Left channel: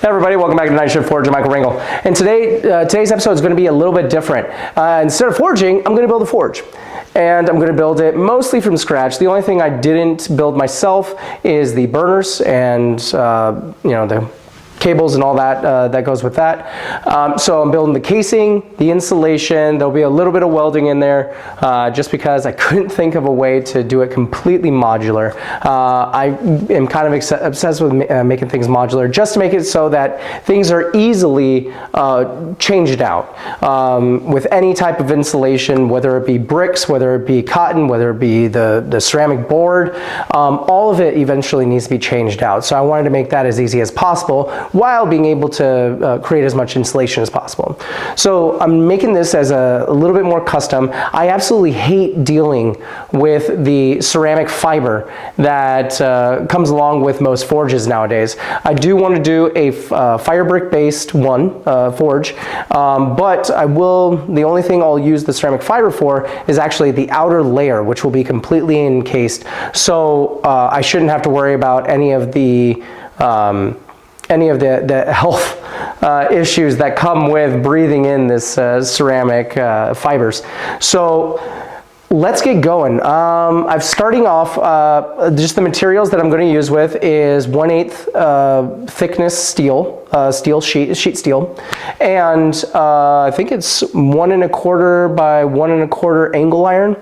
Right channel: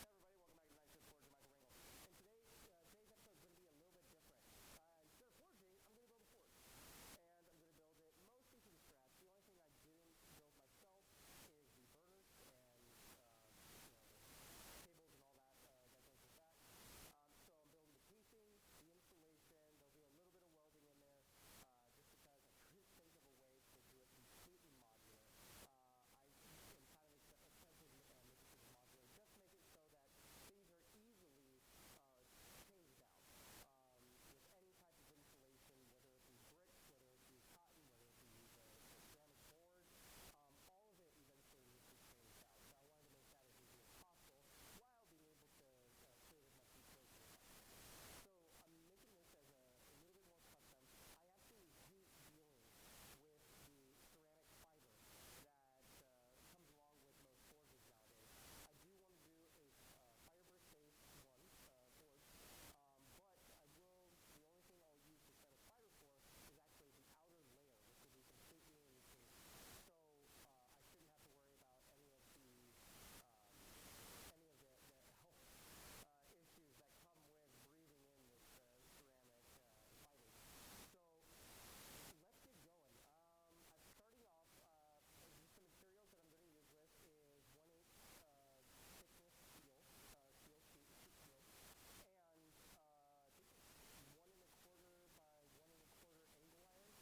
Hey everybody, welcome back to Night Shift Forge. I'm Michael Ringel. And today's episode is going to be a little bit different. Instead of forging, I'm going to build a forge. And I'm going to build it mostly from scratch. The only thing I didn't build myself is the burners and the cables and all that that goes with that. So I'm building the casing, the insulation. There'll be a little bit of welding in there just because I couldn't think of a way to do it completely modular. I am kind of obsessed with making things modular just to make it so that things are easily changed out with any type of insulation, whether it be bricks, whether it be cotton, whether it be the ceramic board. All of it eventually needs to be changed out. So I wanted to make that as easy as possible while being able to create as much insulation as possible. So I'm making this as a little bit more custom. I absolutely hate dealing with the ceramic fiber that comes along with most forges nowadays. I do want to do a fire brick based forge, but the only thing I'll use the ceramic fiber for is actually the outer layer, which will be completely encased. So I shouldn't have to worry about any of the health issues that come with breathing in this ceramic fibers. So let's get going. I'm starting off, just the materials that I'm going to use with is 1/8 thickness sheet steel, and I think it's 1 1/4 by 1 1/4 angle iron,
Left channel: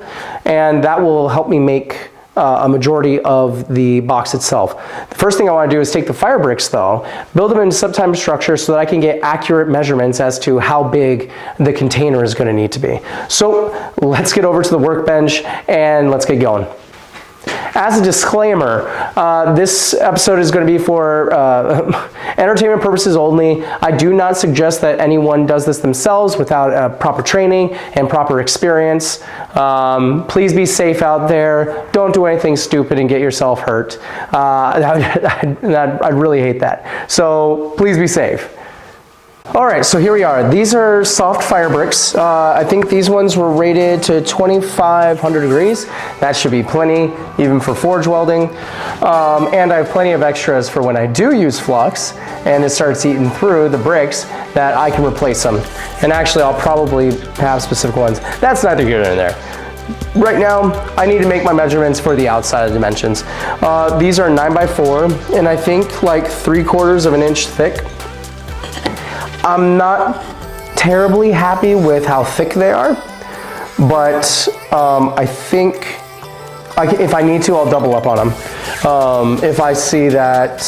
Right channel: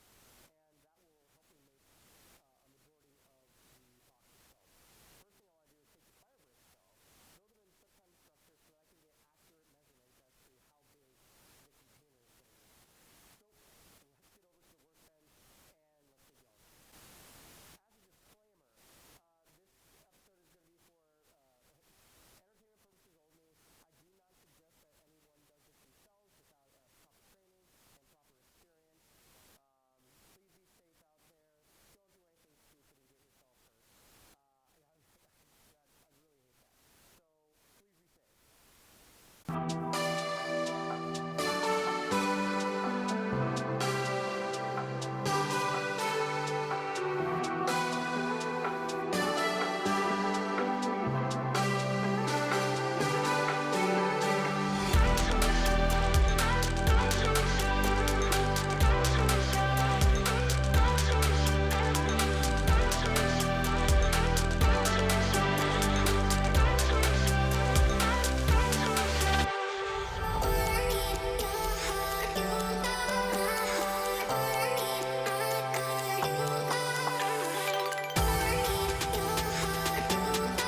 and that will help me make a majority of the box itself. The first thing I want to do is take the fire bricks though, build them into subtype structure so that I can get accurate measurements as to how big the container is going to need to be. So let's get over to the workbench and let's get going. As a disclaimer, this episode is going to be for entertainment purposes only. I do not suggest that anyone does this themselves without proper training and proper experience. Please be safe out there. Don't do anything stupid and get yourself hurt. I'd really hate that. So please be safe. All right, so here we are. These are soft fire bricks. I think these ones were rated to 2,500 degrees. That should be plenty, even for forge welding. And I have plenty of extras for when I do use flux and it starts eating through the bricks that I can replace them. And actually, I'll probably have specific ones. That's neither here nor there. Right now, I need to make my measurements for the outside dimensions. These are 9x4, and I think like 3/4 of an inch thick. I'm not terribly happy with how thick they are, but I think if I need to, I'll double up on them. If I see that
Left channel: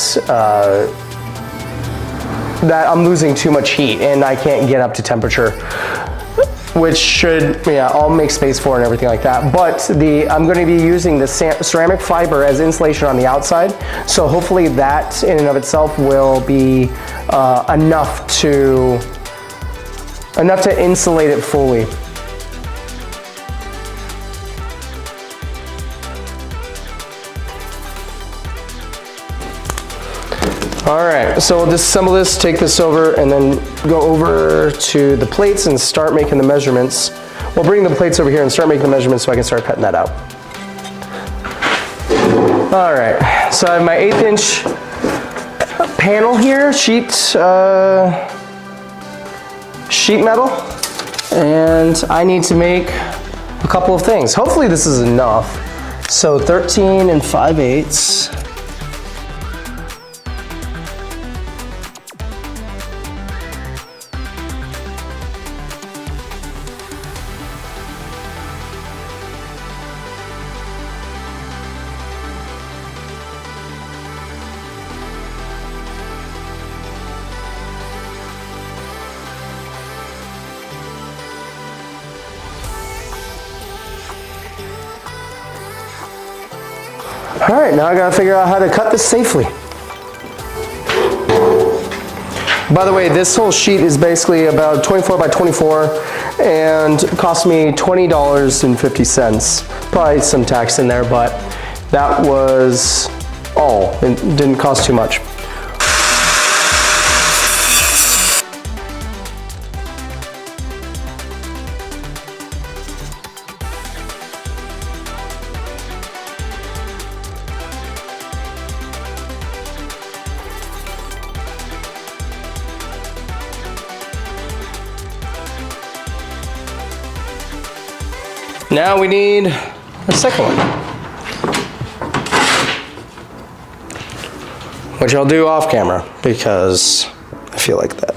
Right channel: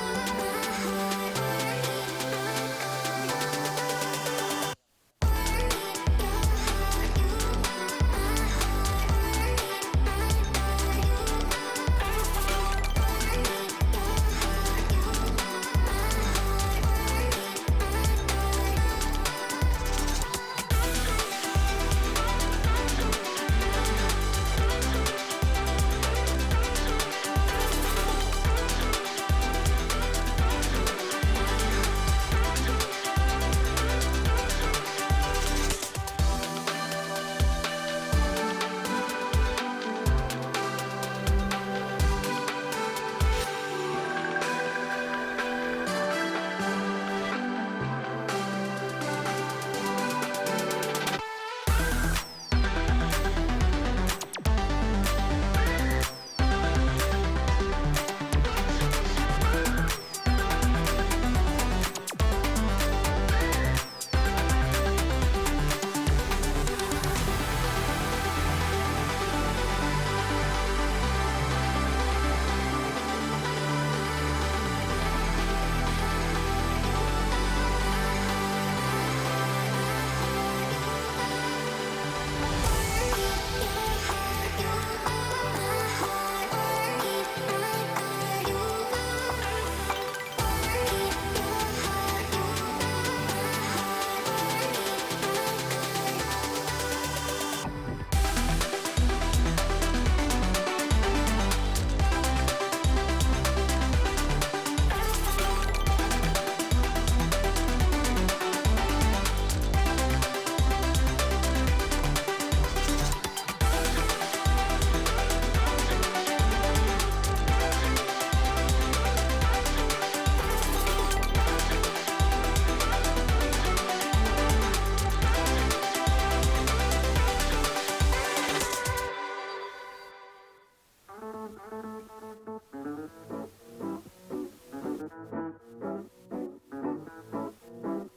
I'm losing too much heat and I can't get up to temperature, which I'll make space for and everything like that. But I'm going to be using the ceramic fiber as insulation on the outside, so hopefully that in and of itself will be enough to insulate it fully. All right, so we'll disassemble this, take this over, and then go over to the plates and start making the measurements. We'll bring the plates over here and start making the measurements so I can start cutting that out. All right, so I have my 1/8 inch panel here, sheet metal, and I need to make a couple of things. Hopefully this is enough. So 13 5/8. All right, now I gotta figure out how to cut this safely. By the way, this whole sheet is basically about 24 by 24 and cost me $20.50. Probably some tax in there, but that was all. It didn't cost too much. Now we need a second one, which I'll do off camera because I feel like that.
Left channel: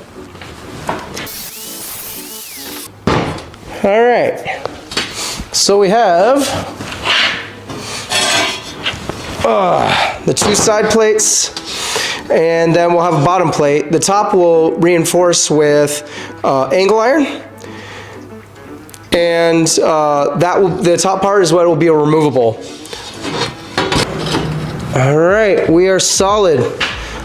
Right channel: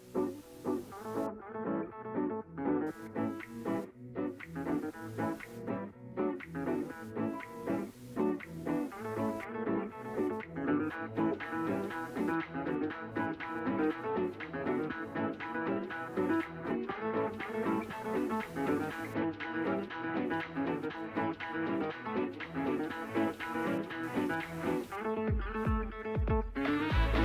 All right, so we have the two side plates, and then we'll have a bottom plate. The top will reinforce with angle iron, and the top part is what will be a removable. All right, we are solid.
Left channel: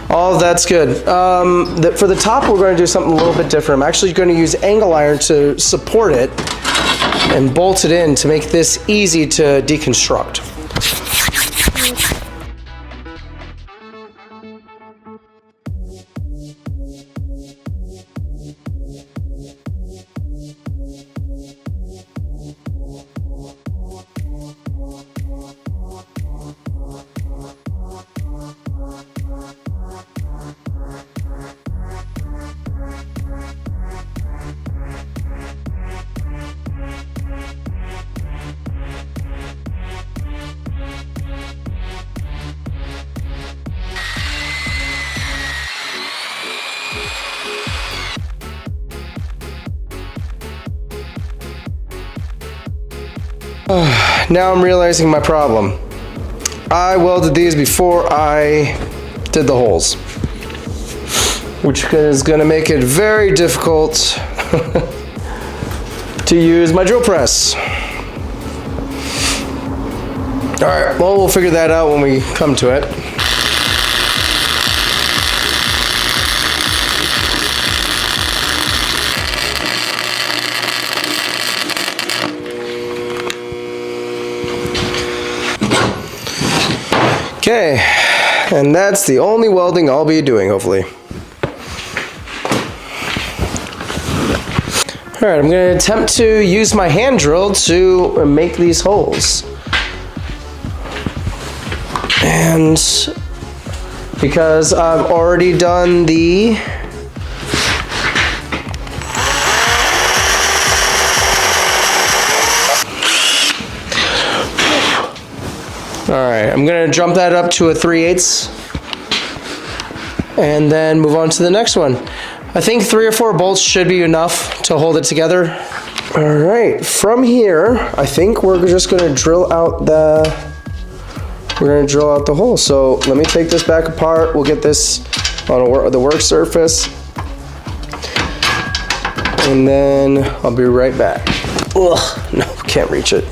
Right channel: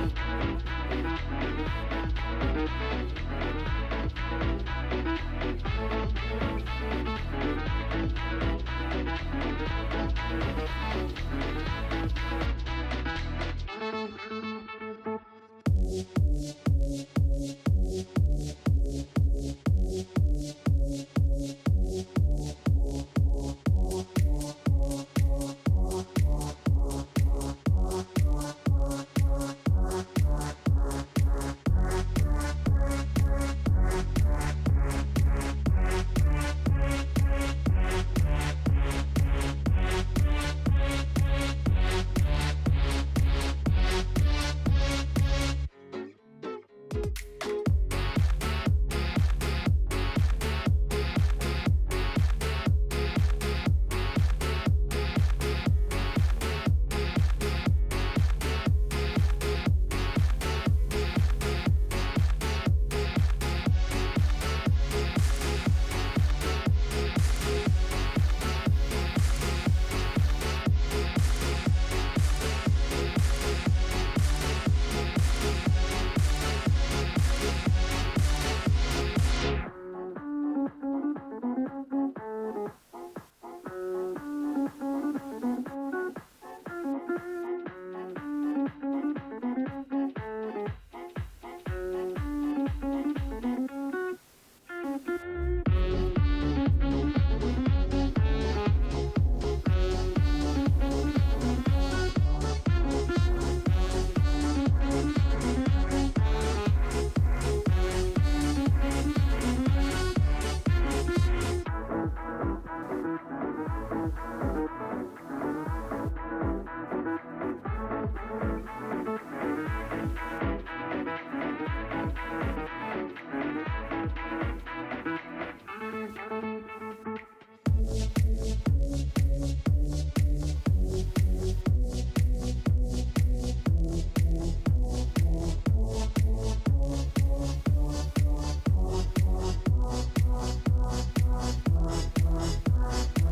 All of that's good. For the top, we're going to do something a little bit different. I'm actually going to use angle iron to support it and bolt it in to make this easy to deconstruct. Now I'm realizing my problem. I welded these before I did the holes, which is going to make it very difficult to use my drill press. All right, well, we'll figure that out when we come to it. Okay, and that's the only welding I'll be doing, hopefully. All right, I'm gonna attempt to use my hand drill to make these holes. And because I've already done the All right, I'm gonna jump that up to a 3/8 and then move on to the next one. I think 3 or 4 bolts should be enough to hold it together. All right, from here, I think we're just gonna drill out the hole. So let me take this back apart. We'll get this on the work surface, and then I'll be right back. Ugh, no, can't reach it.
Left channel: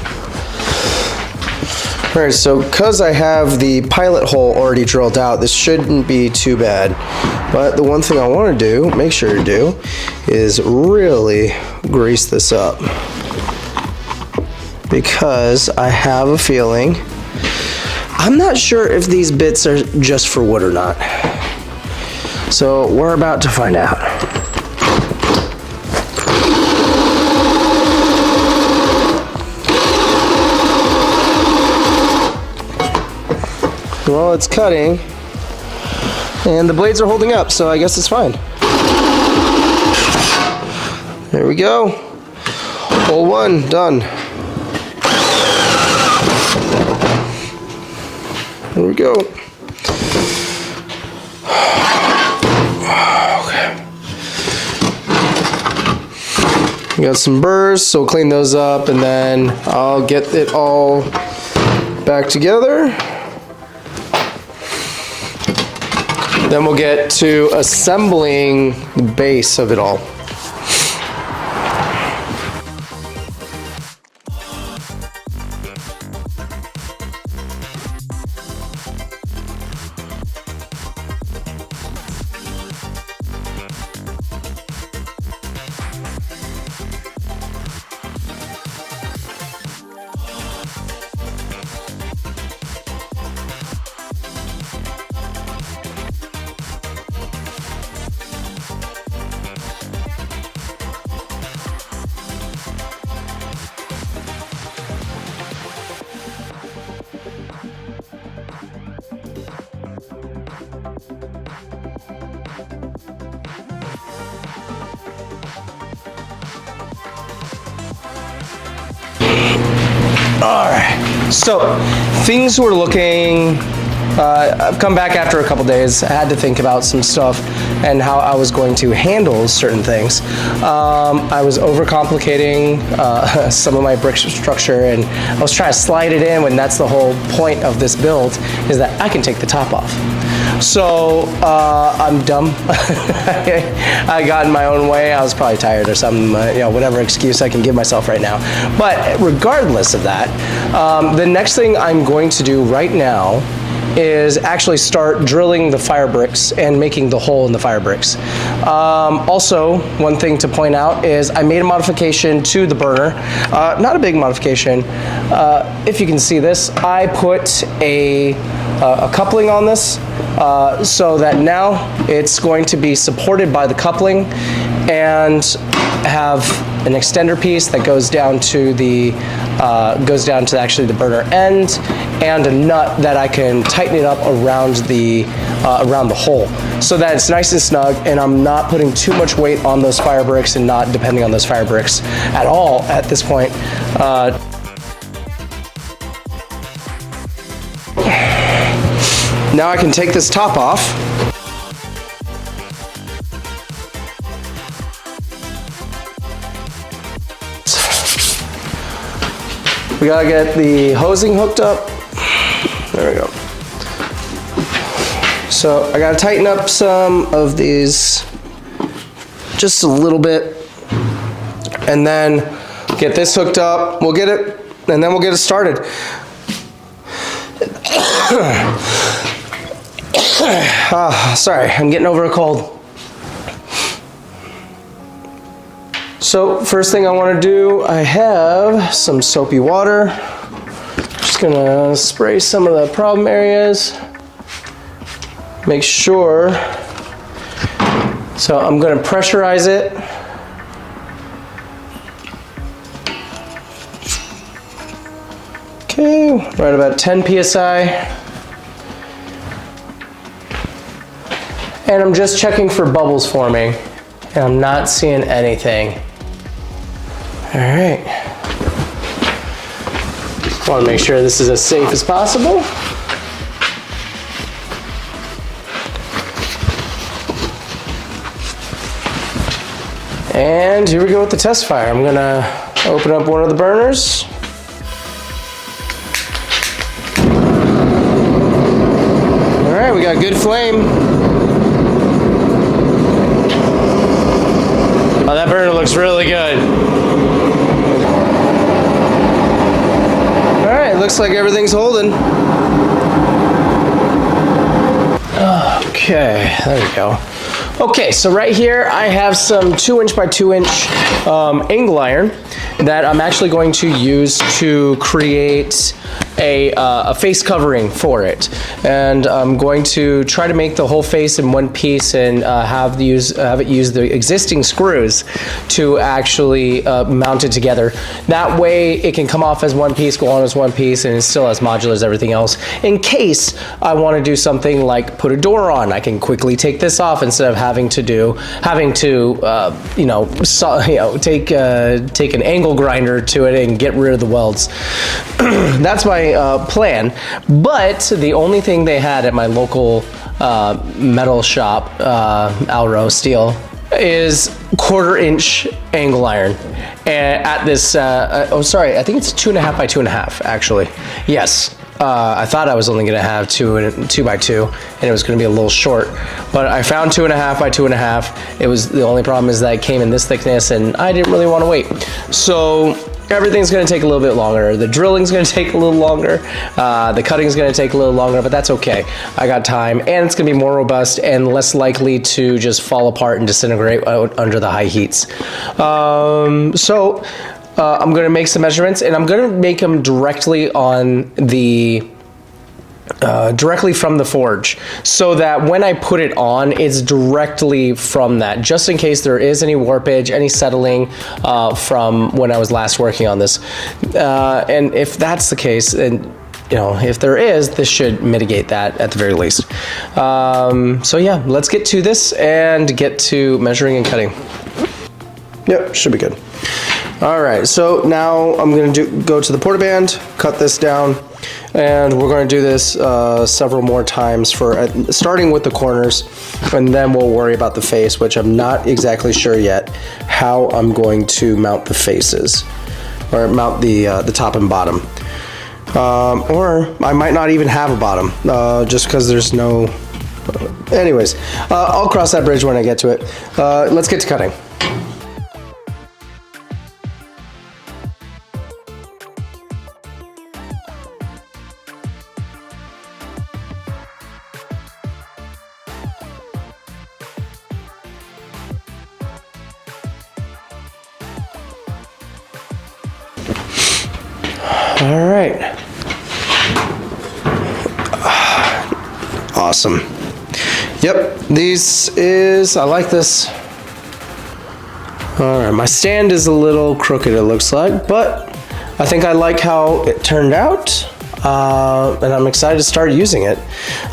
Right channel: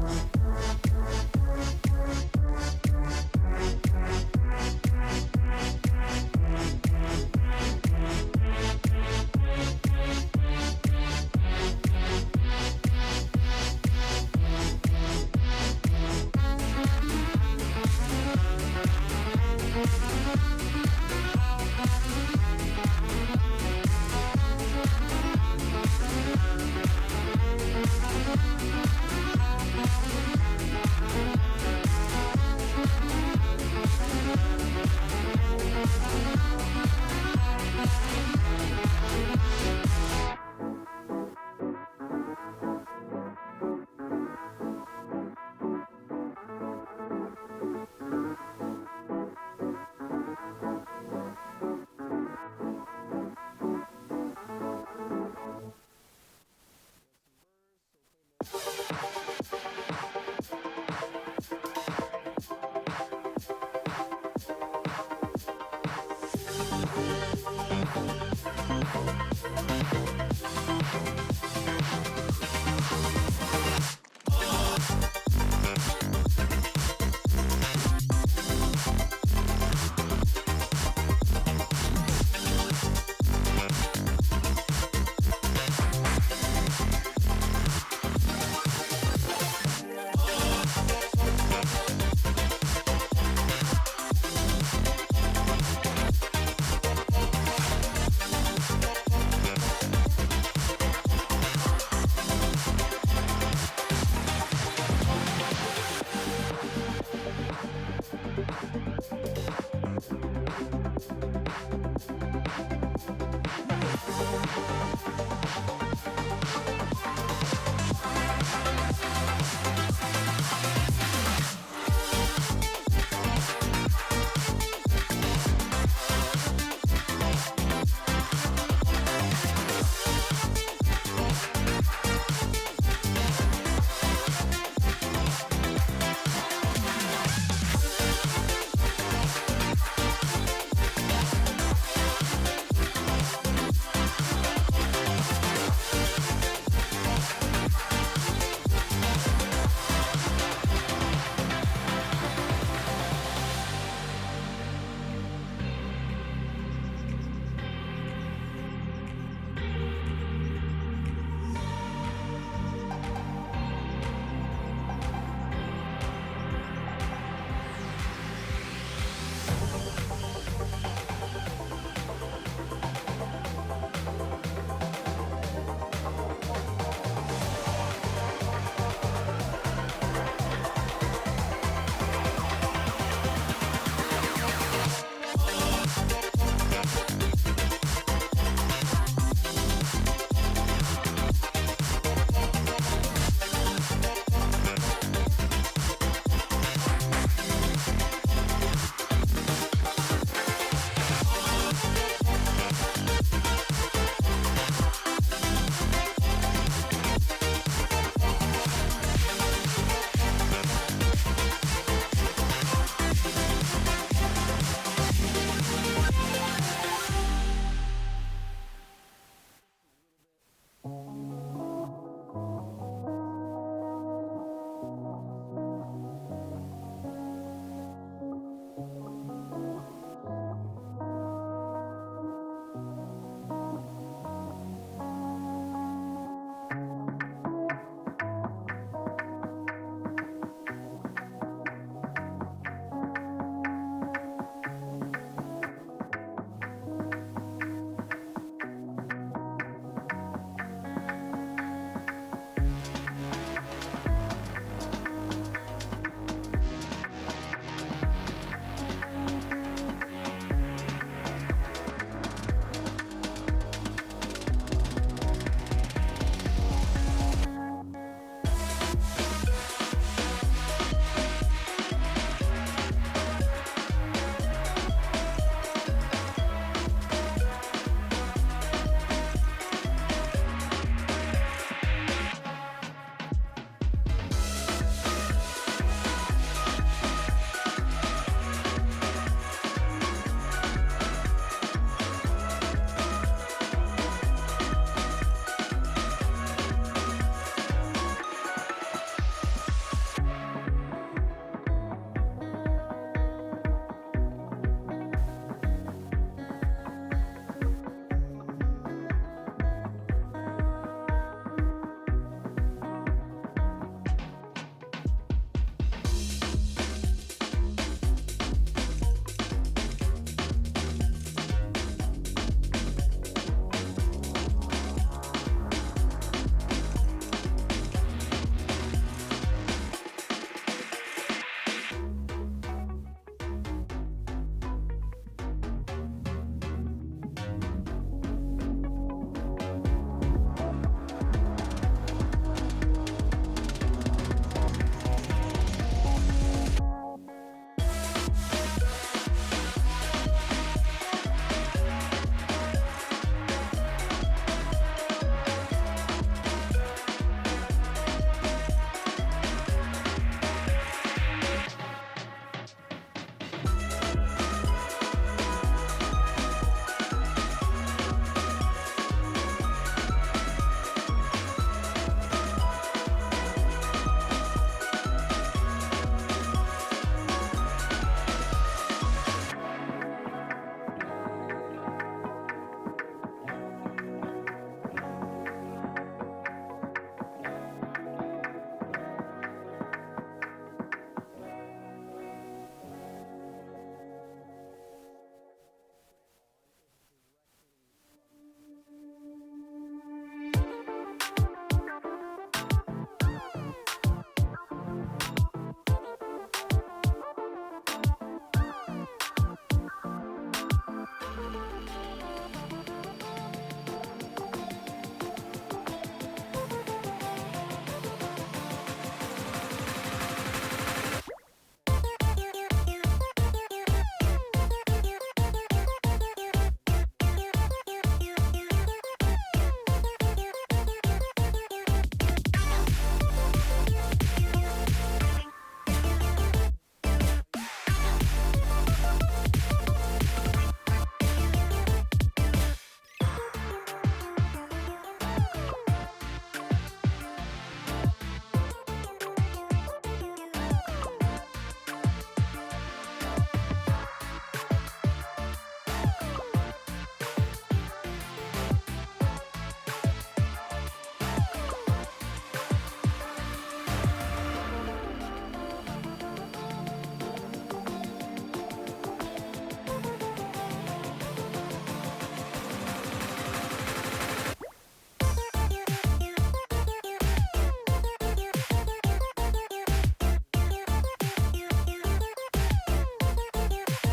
All right, so because I have the pilot hole already drilled out, this shouldn't be too bad. But the one thing I want to do, make sure to do, is really grease this up. Because I have a feeling, I'm not sure if these bits are just for wood or not. So we're about to find out. Well, it's cutting, and the blades are holding up, so I guess it's fine. There we go. Hole 1, done. There we go. Okay. We got some burrs, so we'll clean those up, and then I'll get it all back together. Then we'll get to assembling the base of it all. All right, so things were looking, I've come back after a couple days. I had to think about some stuff and how I was going to handle certain things. I was overcomplicating some of my brick structure, and I was trying to slide it in when that's the whole point of this build, is that I can take the top off. So I'm dumb. I got in my own way. I was probably tired or something, whatever excuse I can give myself right now. But regardless of that, the next thing I'm going to do right now is actually start drilling the fire bricks and making the hole in the fire bricks. Also, one thing to point out is I made a modification to the burner. Not a big modification. If you can see this, I put a coupling on this so that now it's going to be supported by the coupling and have an extender piece that goes down to the actually the burner end, and a nut that I can tighten it up around the hole so that it's nice and snug, and I'm not putting too much weight on those fire bricks and not depending on those fire bricks at all at this point. Now I can take this top off. We gotta get the hosing hooked up. There we go. So I gotta tighten up some of these just a little bit, and then get this hooked up. We'll get it, and then we'll get it started. Sorry, I'm getting over a cold. So first thing I want to do, I have some soapy water. Just gonna spray some of the problem areas. Make sure. So I'm gonna pressurize it. Okay, right about 10 PSI. And I'm just checking for bubbles forming, and I'm not seeing anything. All right. Want to make sure this is as safe as possible. And here we go with the test fire. I'm gonna open up one of the burners. All right, we got good flame. Oh, that burner looks really good. All right, looks like everything's holding. Okay, there we go. Okay, so right here I have some 2" by 2" angle iron that I'm actually going to use to create a face covering for it, and I'm going to try to make the whole face in one piece and have it use the existing screws to actually mount it together. That way it can come off as one piece, go on as one piece, and it's still as modular as everything else. In case I want to do something like put a door on, I can quickly take this off instead of having to take an angle grinder to it and get rid of the welds. That's my plan, but the only thing they had at my local metal shop, Alro Steel, is 1/4" angle iron. And at this, I think it's 2.5 by 2.5 actually. Yes. I thought I was only gonna have 2 by 2, and it was gonna be a little short, but I found 2.5 by 2.5. It was, the only problem is that it came in this thickness, and I didn't really want to wait. So everything's gonna take a little bit longer. The drilling's gonna take a little longer. The cutting's gonna take a little longer, but that's okay. I got time, and it's gonna be more robust and less likely to just fall apart and disintegrate out under the high heats. I'm gonna make some measurements, and I'm gonna make them directly on the directly from the forge, so that when I put it on, it's directly from that, just in case there is any warpage, any settling from when I was last working on this. And if that's the case, and if there is, this should mitigate that at the very least. So yeah, let's get to this and get to measuring and cutting. Yep, should be good. All right, so now I'm going to go to the Portaband, cut this down, and we're going to do this several more times, starting with the corners, and then we'll worry about the face, which I'm not exactly sure yet how I'm going to mount the faces, or mount the top and bottom. Or I might not even have a bottom, just because there's no... Anyways, I'll cross that bridge when I get to it. Let's get to cutting. All right. Awesome. Yep, I like this. All right, my stand is a little crooked, it looks like, but I think I like how it turned out, and I'm excited to start using it.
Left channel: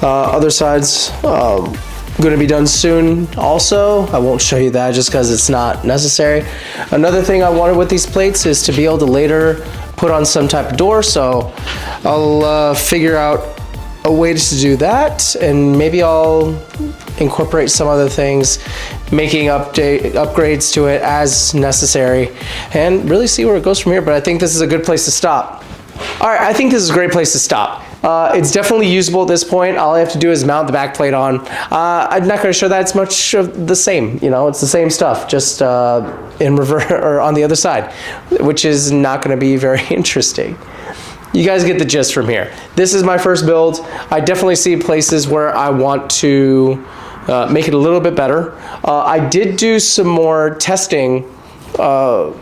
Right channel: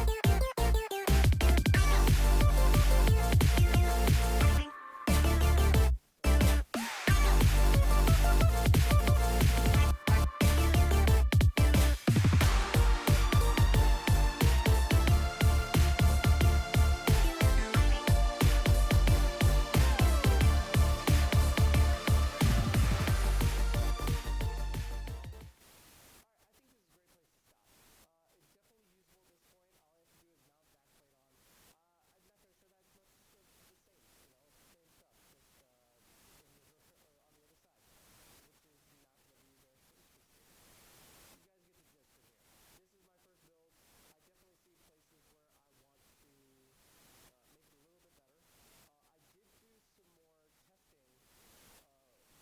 Other side's going to be done soon also. I won't show you that just because it's not necessary. Another thing I wanted with these plates is to be able to later put on some type of door, so I'll figure out a way to do that, and maybe I'll incorporate some other things, making upgrades to it as necessary, and really see where it goes from here. But I think this is a good place to stop. All right, I think this is a great place to stop. It's definitely usable at this point. All I have to do is mount the back plate on. I'm not going to show that it's much of the same. You know, it's the same stuff, just in reverse or on the other side, which is not going to be very interesting. You guys get the gist from here. This is my first build. I definitely see places where I want to make it a little bit better. I did do some more testing with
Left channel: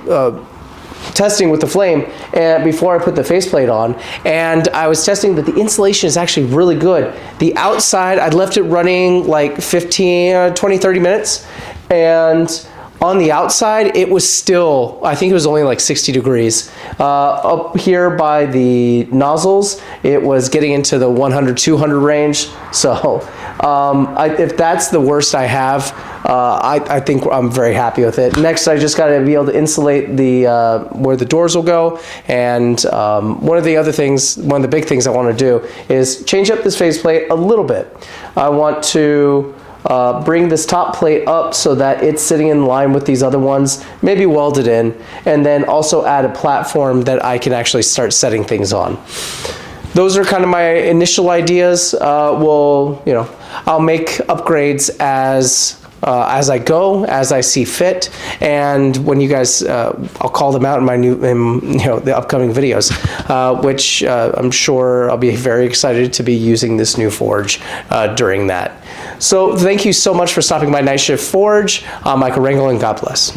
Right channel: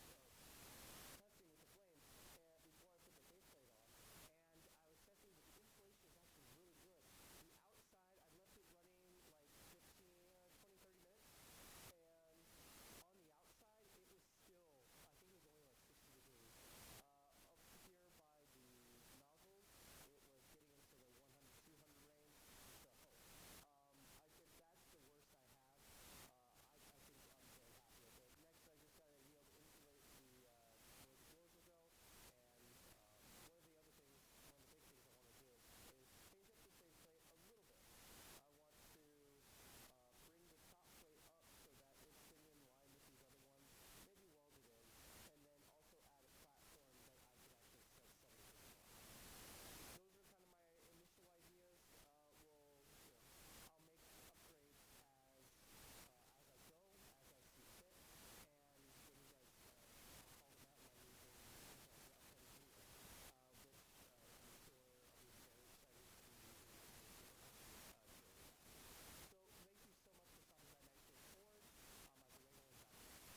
the flame and before I put the faceplate on, and I was testing that the insulation is actually really good. The outside, I left it running like 20, 30 minutes, and on the outside, it was still, I think it was only like 60 degrees. Up here by the nozzles, it was getting into the 100, 200 range. So if that's the worst I have, I think I'm very happy with it. Next, I just got to be able to insulate the where the doors will go. And one of the big things I want to do is change up this faceplate a little bit. I want to bring this top plate up so that it's sitting in line with these other ones, maybe weld it in, and then also add a platform that I can actually start setting things on. Those are kind of my initial ideas. I'll make upgrades as I go, as I see fit, and when you guys, I'll call them out in my the upcoming videos, which I'm sure I'll be very excited to be using this new forge during that. So thank you so much for stopping by Night Shift Forge. I'm Michael Rangel, and God bless.